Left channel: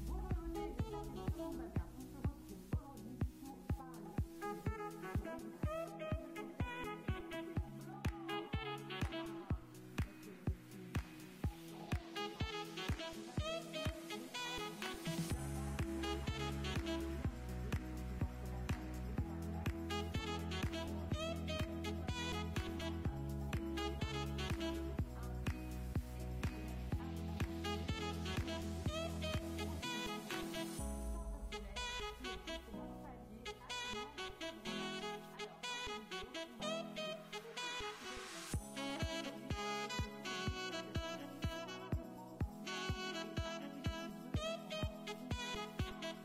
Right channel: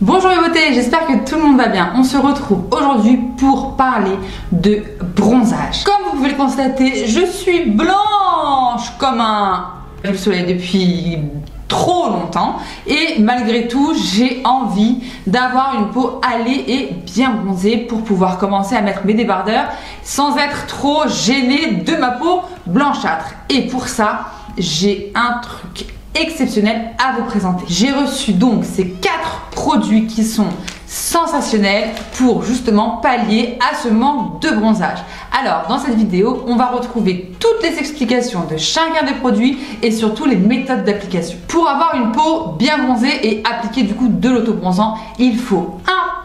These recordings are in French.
Bonjour les beautés, j'espère que tout le monde va bien. On se retrouve aujourd'hui pour parler de bronzage. Comme vous pouvez le constater, je suis blanche comme le soleil depuis trop longtemps et malgré tout j'ai envie d'avoir une peau hâlée et bien bronzée pour pouvoir commencer à mettre mes débardeurs sans être trop gênée de ma peau blanchâtre. Et pour ça j'ai un truc exceptionnel à vous présenter. J'ai reçu donc ces 4 produits qui sont sensationnels pour justement pallier à ce manque de bronzage. Alors dans cette vidéo on va retrouver toutes les explications de chacun des produits et surtout les méthodes d'application. Pour avoir une peau bien bronzée et appliquer du coup de l'autobronzant, il faut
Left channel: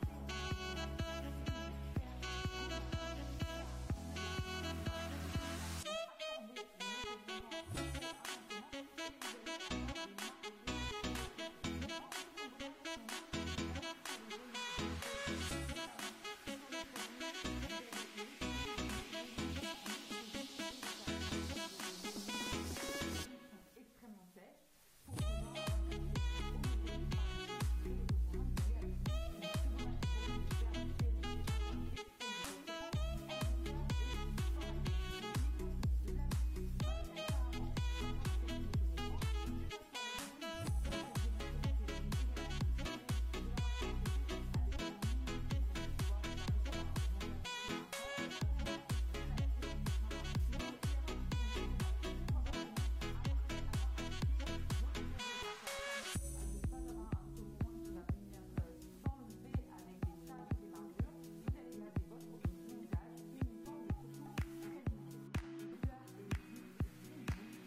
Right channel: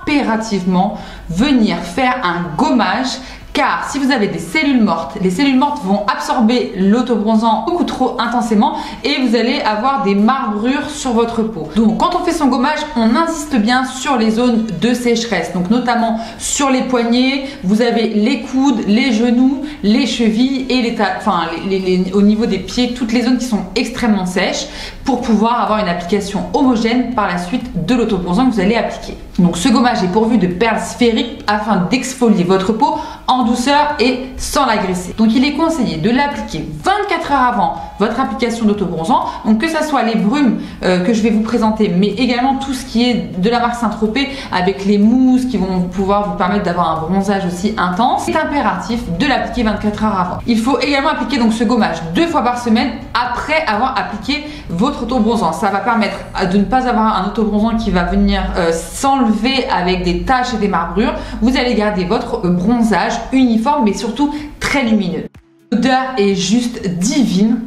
impérativement venir faire un gommage. Car si vous avez des cellules mortes, les cellules mortes vont absorber l'autobronzant beaucoup trop intensément et vous allez avoir des marbrures sur votre peau. Donc quand on fait son gommage, on insiste bien sur les zones de sécheresse. Donc notamment sur les poignets, vous avez les coudes, les genoux, les chevilles et au niveau des pieds, toutes les zones qui sont extrêmement sèches pour pouvoir avoir une application homogène par la suite de l'autobronzant que vous allez appliquer. Donc ce gommage est pourvu de perles sphériques afin d'exfolier votre peau en douceur et sans l'agresser. Donc il est conseillé de l'appliquer 24 heures avant votre application d'autobronzant. Donc que ça soit les brumes que je vais vous présenter, mais également tout ce qui est de la marque Saint-Tropez avec les mousses qui vont pouvoir vous permettre d'avoir un bronzage aussi intense. C'est impératif de l'appliquer 24 heures avant. Il faut également appliquer donc ce gommage 2 fois par semaine après avoir appliqué votre autobronzant. Ça va permettre de ne pas avoir un autobronzant qui va venir s'enlever avec des taches et des marbrures. Vous allez garder votre bronzage uniforme mais surtout très lumineux. L'odeur est juste divine.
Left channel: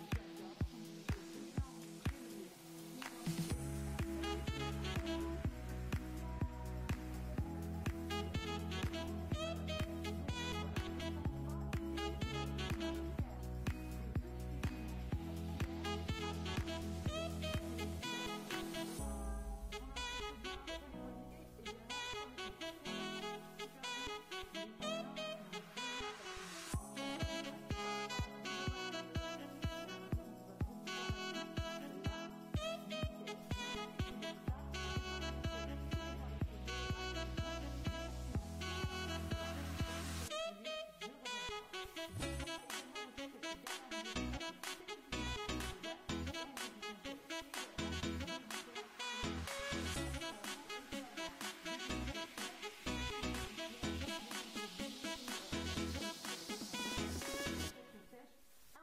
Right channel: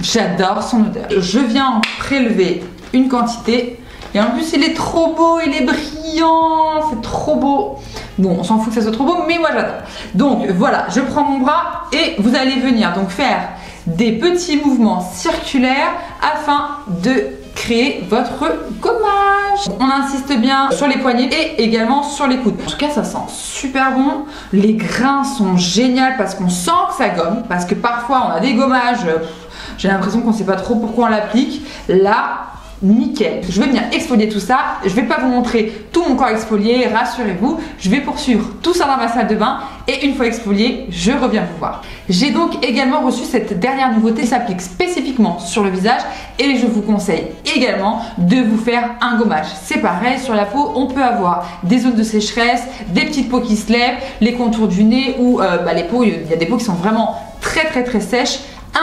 J'adore son odeur. Je viens en prélever une quantité et en plus il est trop beau, il est brillant, c'est trop beau. Bon, on s'en fout que ça soit trop beau, mais moi j'adore. Donc voilà, je prends mon bras et vous allez venir donc faire des petits mouvements circulaires afin de créer votre gommage. On insiste bien sur les poignets et également sur les coudes. En tout cas, ça sent super bon. Les grains sont géniaux parce qu'on sent que ça gomme. Parce que parfois, on a des gommages, j'ai l'impression qu'on ne sait pas trop pourquoi on l'applique. Là, nickel. Je vais venir exfolier tout ça. Je vais pas vous montrer tout mon corps exfolié, rassurez-vous. Je vais poursuivre tout ça dans ma salle de bain et une fois exfolié, je reviens vous voir. J'ai donc également reçu cette dernière nouveauté, ça s'applique spécifiquement sur le visage et je vous conseille également de vous faire un gommage. C'est pareil, sur la peau, on peut avoir des zones de sécheresse, des petites peaux qui se lèvent, les contours du nez ou les peaux, il y a des peaux qui sont vraiment très sèches.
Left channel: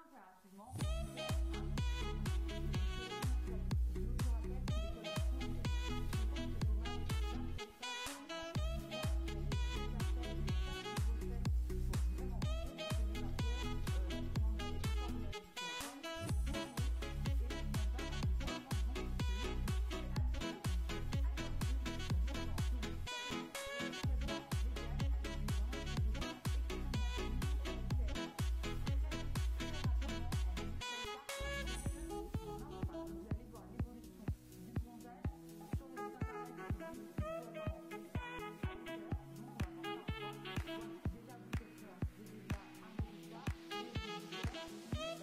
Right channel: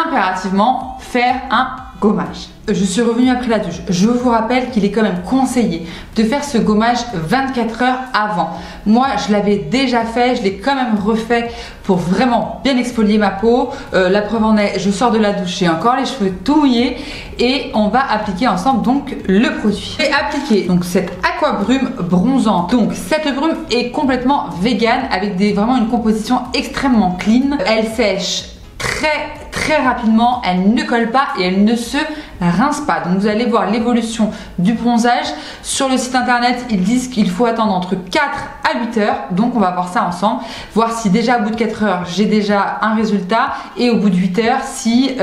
Impérativement faire un gommage. Je suis revenue après la douche. Je vous rappelle qu'il est quand même conseillé de faire ce gommage 24 heures avant. Moi, je l'avais déjà fait, je l'ai quand même refait pour vraiment bien exfolier ma peau. La preuve en est, je sors de la douche, j'ai encore les cheveux tout mouillés et on va appliquer ensemble donc le produit. Je vais appliquer donc cette aqua brume bronzante. Donc cette brume est complètement vegan avec vraiment une composition extrêmement clean. Elle sèche très rapidement, elle ne colle pas et elle ne se rince pas. Donc vous allez voir l'évolution du bronzage. Sur le site internet, ils disent qu'il faut attendre entre 4 à 8 heures. Donc on va voir ça ensemble, voir si déjà au bout de 4 heures, j'ai déjà un résultat et au bout de 8 heures, si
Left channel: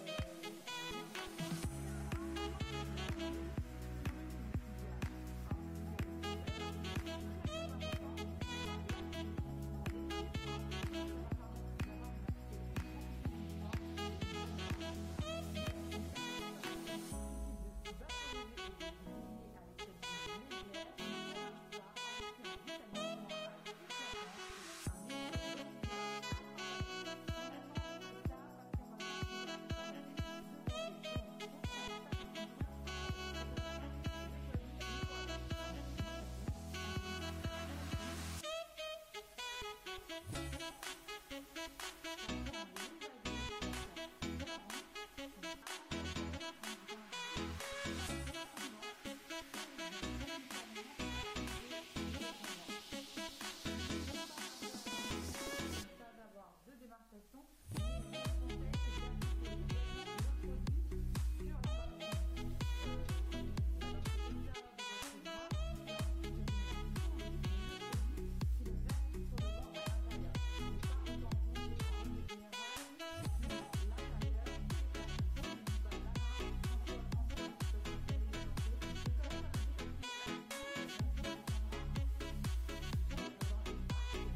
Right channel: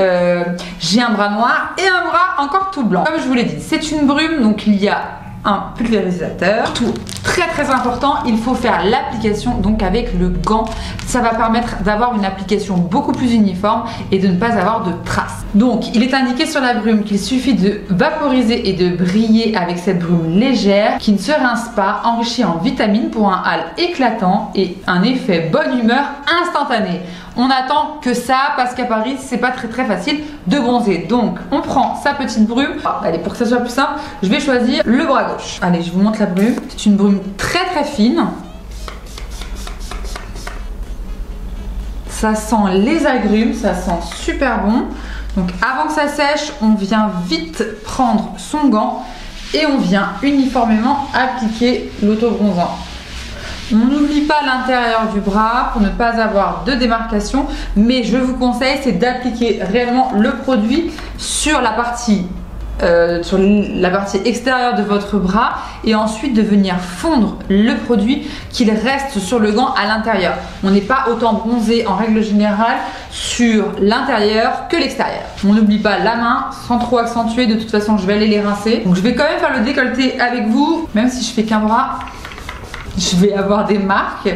j'ai un bras noir et un bras encore tout blanc. Comme je vous l'ai dit, c'est une brume, donc il y a un pulvérisateur. Tout très important, il faut faire l'application donc avec le gant. Ça va permettre d'avoir une application beaucoup plus uniforme et de ne pas avoir de traces. Donc il est indiqué sur la brume qu'il suffit de vaporiser et de briller avec cette brume légère qui ne se rince pas, enrichie en vitamines pour un hâle éclatant et un effet bonne humeur instantané. On attend que ça parce qu'à Paris c'est pas très facile de bronzer. Donc on prend sa petite brume. Allez, pour que ça soit plus simple, je vais choisir le bras gauche. Allez, je vous montre la brume. C'est une brume très fine. Ça sent les agrumes, ça sent super bon. Donc avant que ça sèche, on vient vite prendre son gant et on vient uniformément appliquer l'autobronzant. On n'oublie pas l'intérieur du bras pour ne pas avoir de démarcation, mais je vous conseille c'est d'appliquer réellement le produit sur la partie extérieure de votre bras et ensuite de venir fondre le produit qu'il reste sur le gant à l'intérieur. On n'est pas autant bronzé en règle générale sur l'intérieur que l'extérieur. On n'oublie pas la main sans trop accentuer, de toute façon je vais aller les rincer. Donc je vais quand même faire le décolleté avec vous, même si je fais qu'un bras, je vais avoir des marques.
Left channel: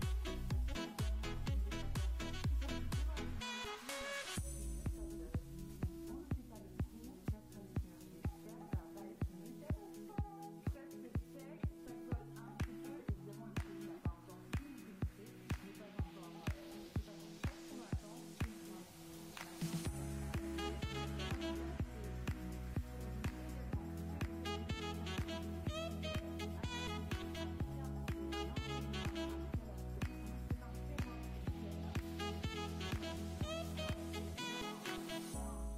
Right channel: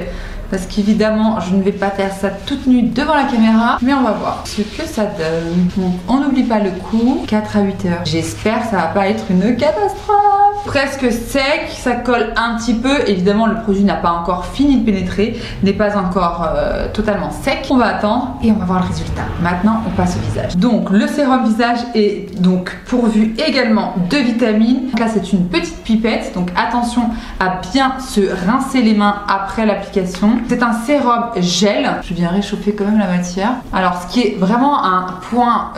Parce qu'évidemment, je ne vais pas faire ça toute nue devant la caméra. Mais on va voir ce que ça donne. Donc, on n'oublie pas le coup. 4 à 8 heures. J'espère que ça va pas être une catastrophe. Presque sec, ça colle un petit peu. Évidemment, le produit n'a pas encore fini de pénétrer. N'est pas encore totalement sec. On va attendre et on va voir le résultat. Maintenant, on passe au visage. Donc, le sérum visage est donc pourvu également de vitamines. Donc là, c'est une petite pipette. Donc, attention à bien se rincer les mains après l'application. C'est un sérum gel. Je viens réchauffer quand même la matière. Alors, ce qui est vraiment un point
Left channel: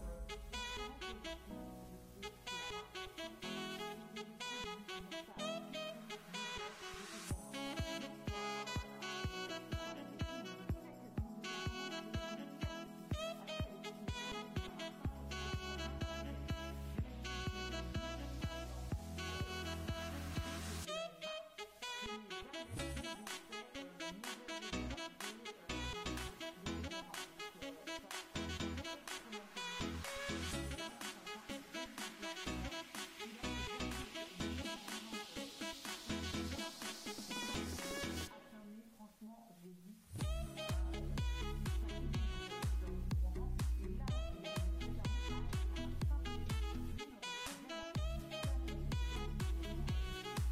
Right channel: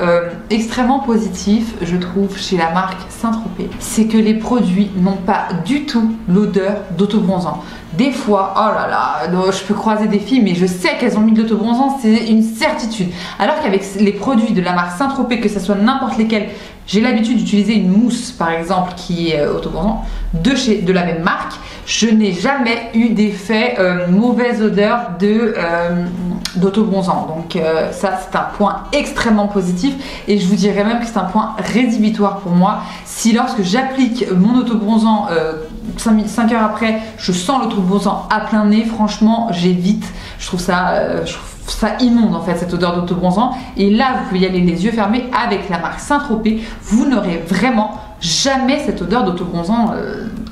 extrêmement positif, je trouve, chez la marque Saint-Tropez, c'est que les produits n'ont pas du tout l'odeur d'autobronzant. Des fois, oh là là, je peux croiser des filles, mais je sais qu'elles ont mis de l'autobronzant, c'est une certitude. Alors qu'avec les produits de la marque Saint-Tropez, que ce soit n'importe lesquels, j'ai l'habitude d'utiliser une mousse, par exemple, qui est autobronzant, de la même marque. Je n'ai jamais eu d'effet mauvaise odeur d'autobronzant. Donc ça, c'est un point extrêmement positif et je vous dirais même que c'est un point rédhibitoire pour moi. Si lorsque j'applique mon autobronzant 5 heures après, je sens l'autobronzant à plein nez, franchement, j'évite. Je trouve ça immonde en fait, cette odeur d'autobronzant. Et là, vous pouvez y aller les yeux fermés avec la marque Saint-Tropez. Vous n'aurez vraiment jamais cette odeur d'autobronzant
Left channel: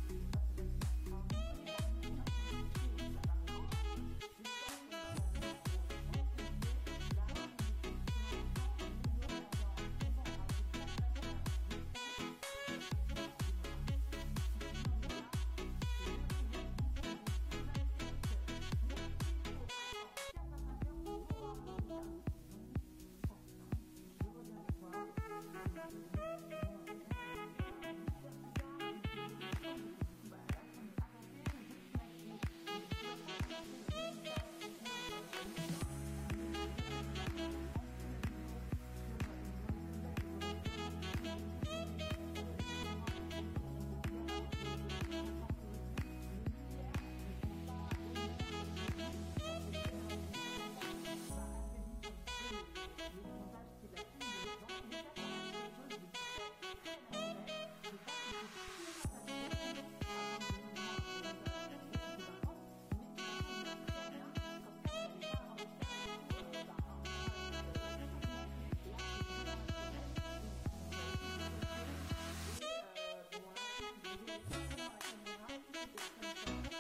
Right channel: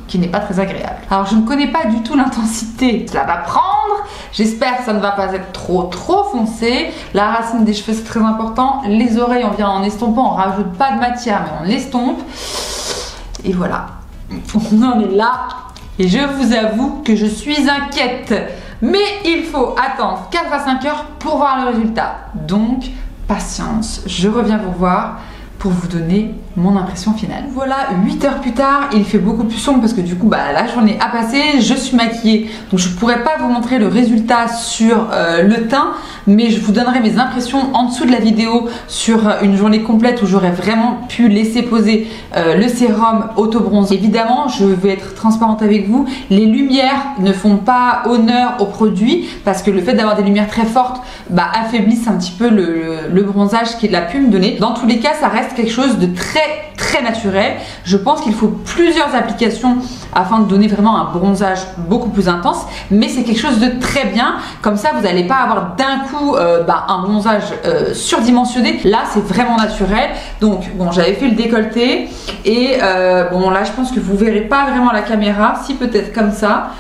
qui n'est pas très agréable. Alors je ne connais pas du tout l'intensité, cela va prendre. J'espère que ça ne va pas être trop foncé. La racine des cheveux, c'est très important. Les oreilles, on vient en estompant, on rajoute pas de matière mais on l'estompe. Et voilà, on en est là. Et je vous avoue que je suis inquiète. Mais il faut attendre 4 à 5 heures pour voir le résultat. Donc, patience, je reviens vous voir pour vous donner mon impression finale. Voilà, 8 heures plus tard, il fait beaucoup plus sombre parce que du coup, la journée a passé, je suis maquillée. Donc je pourrais pas vous montrer le résultat sur le teint, mais je vous donnerai mes impressions en dessous de la vidéo sur une journée complète où j'aurais vraiment pu laisser poser le sérum auto-bronze. Évidemment, je vais être transparente avec vous, les lumières ne font pas honneur au produit parce que le fait d'avoir des lumières très fortes affaiblissent un petit peu le bronzage qu'il a pu me donner. Dans tous les cas, ça reste quelque chose de très naturel. Je pense qu'il faut plusieurs applications afin de donner vraiment un bronzage beaucoup plus intense, mais c'est quelque chose de très bien. Comme ça, vous n'allez pas avoir d'un coup un bronzage surdimensionné. Là, c'est vraiment naturel. Donc, bon, j'avais fait le décolleté et bon, là, je pense que vous verrez pas vraiment la caméra. Si, peut-être comme ça.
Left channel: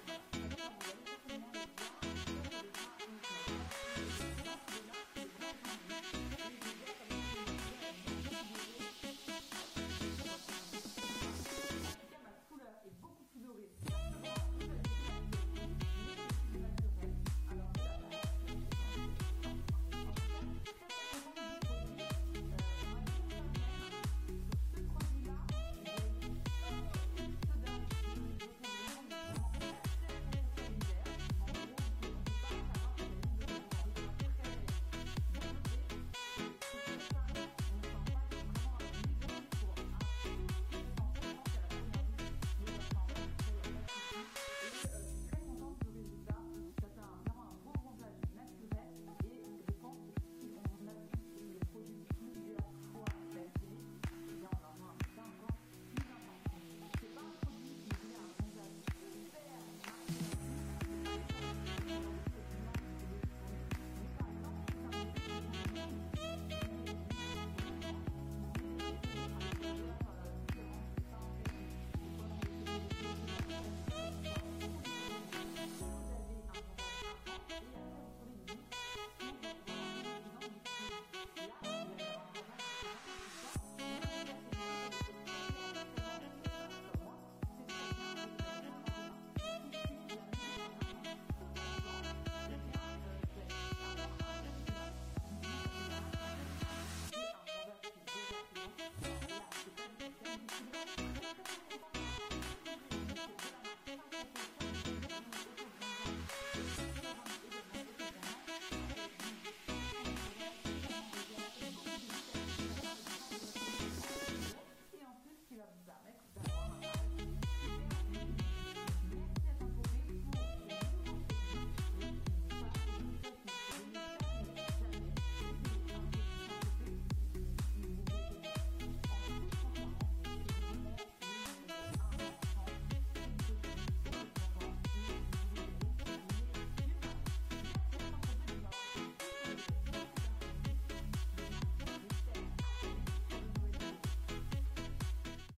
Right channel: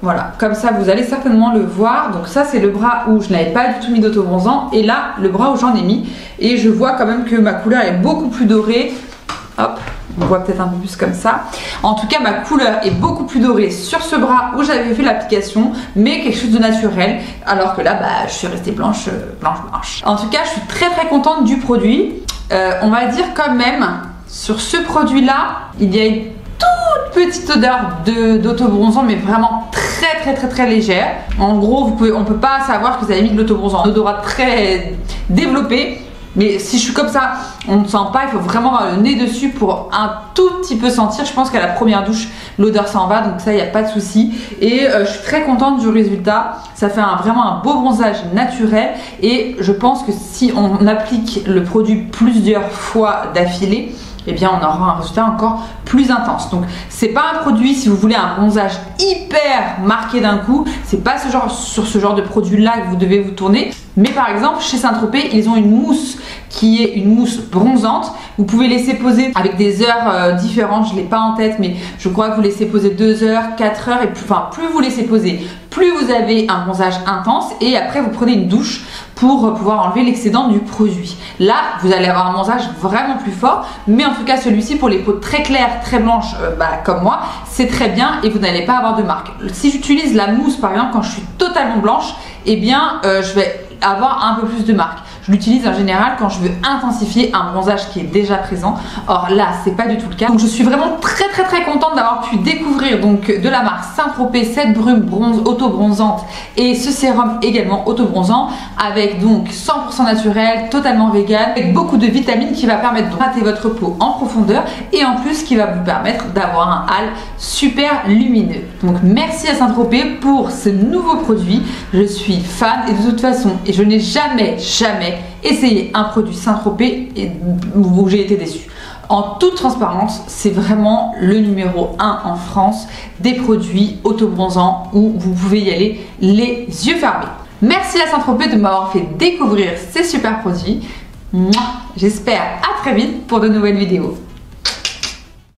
Voilà, comme ça, vous allez certainement le voir. Donc ça, c'est le bras où je n'avais pas du tout mis d'autobronzant et là, le bras où j'en ai mis. Et je vois quand même que ma couleur est beaucoup plus dorée. Hop, on voit peut-être un peu plus comme ça. En tout cas, ma couleur est beaucoup plus dorée sur ce bras où j'avais fait l'application, mais quelque chose de naturel. Alors que là, je suis restée blanche. En tout cas, je suis très contente du produit. On va dire quand même, sur ce produit-là, il y a une toute petite odeur d'autobronzant, mais vraiment très légère. En gros, on peut pas savoir que vous avez mis de l'autobronzant. Un odorat très développé. Mais si je suis comme ça, on ne sent pas, il faut vraiment avoir le nez dessus pour un tout petit peu sentir. Je pense qu'à la première douche, l'odeur s'en va, donc ça, il n'y a pas de souci. Et je suis très contente du résultat. Ça fait vraiment un beau bronzage naturel. Et je pense que si on applique le produit plusieurs fois d'affilée, eh bien on aura un résultat encore plus intense. Donc c'est pas un produit, si vous voulez un bronzage hyper marqué d'un coup, c'est pas sur ce genre de produit là que vous devez vous tourner. Mais par exemple chez Saint-Tropez, ils ont une mousse qui est une mousse bronzante. Vous pouvez laisser poser avec des heures différentes, je l'ai pas en tête, mais je crois que vous laissez poser 2 heures, 4 heures, et plus vous laissez poser, plus vous avez un bronzage intense, et après vous prenez une douche pour pouvoir enlever l'excédent du produit. Là, vous allez avoir un bronzage vraiment plus fort, mais en tout cas celui-ci pour les peaux très claires, très blanches comme moi, c'est très bien et vous n'allez pas avoir de marque. Si j'utilise la mousse par exemple quand je suis totalement blanche, eh bien je vais avoir un peu plus de marque. Je l'utilise en général quand je veux intensifier un bronzage qui est déjà présent. Or là, c'est pas du tout le cas. Donc je suis vraiment très contente d'avoir pu découvrir donc de la marque Saint-Tropez cette brume bronze auto-bronzante et ce sérum également auto-bronzant avec donc 100% naturel, totalement vegan, avec beaucoup de vitamines qui va permettre de traiter votre peau en profondeur et en plus qui va vous permettre d'avoir un hâle super lumineux. Donc merci à Saint-Tropez pour ce nouveau produit. Je suis fan et de toute façon, et je n'ai jamais essayé un produit Saint-Tropez où j'ai été déçue. En toute transparence, c'est vraiment le numéro 1 en France des produits auto-bronzants où vous pouvez y aller les yeux fermés. Merci à Saint-Tropez de m'avoir fait découvrir ces super produits. J'espère à très vite pour de nouvelles vidéos.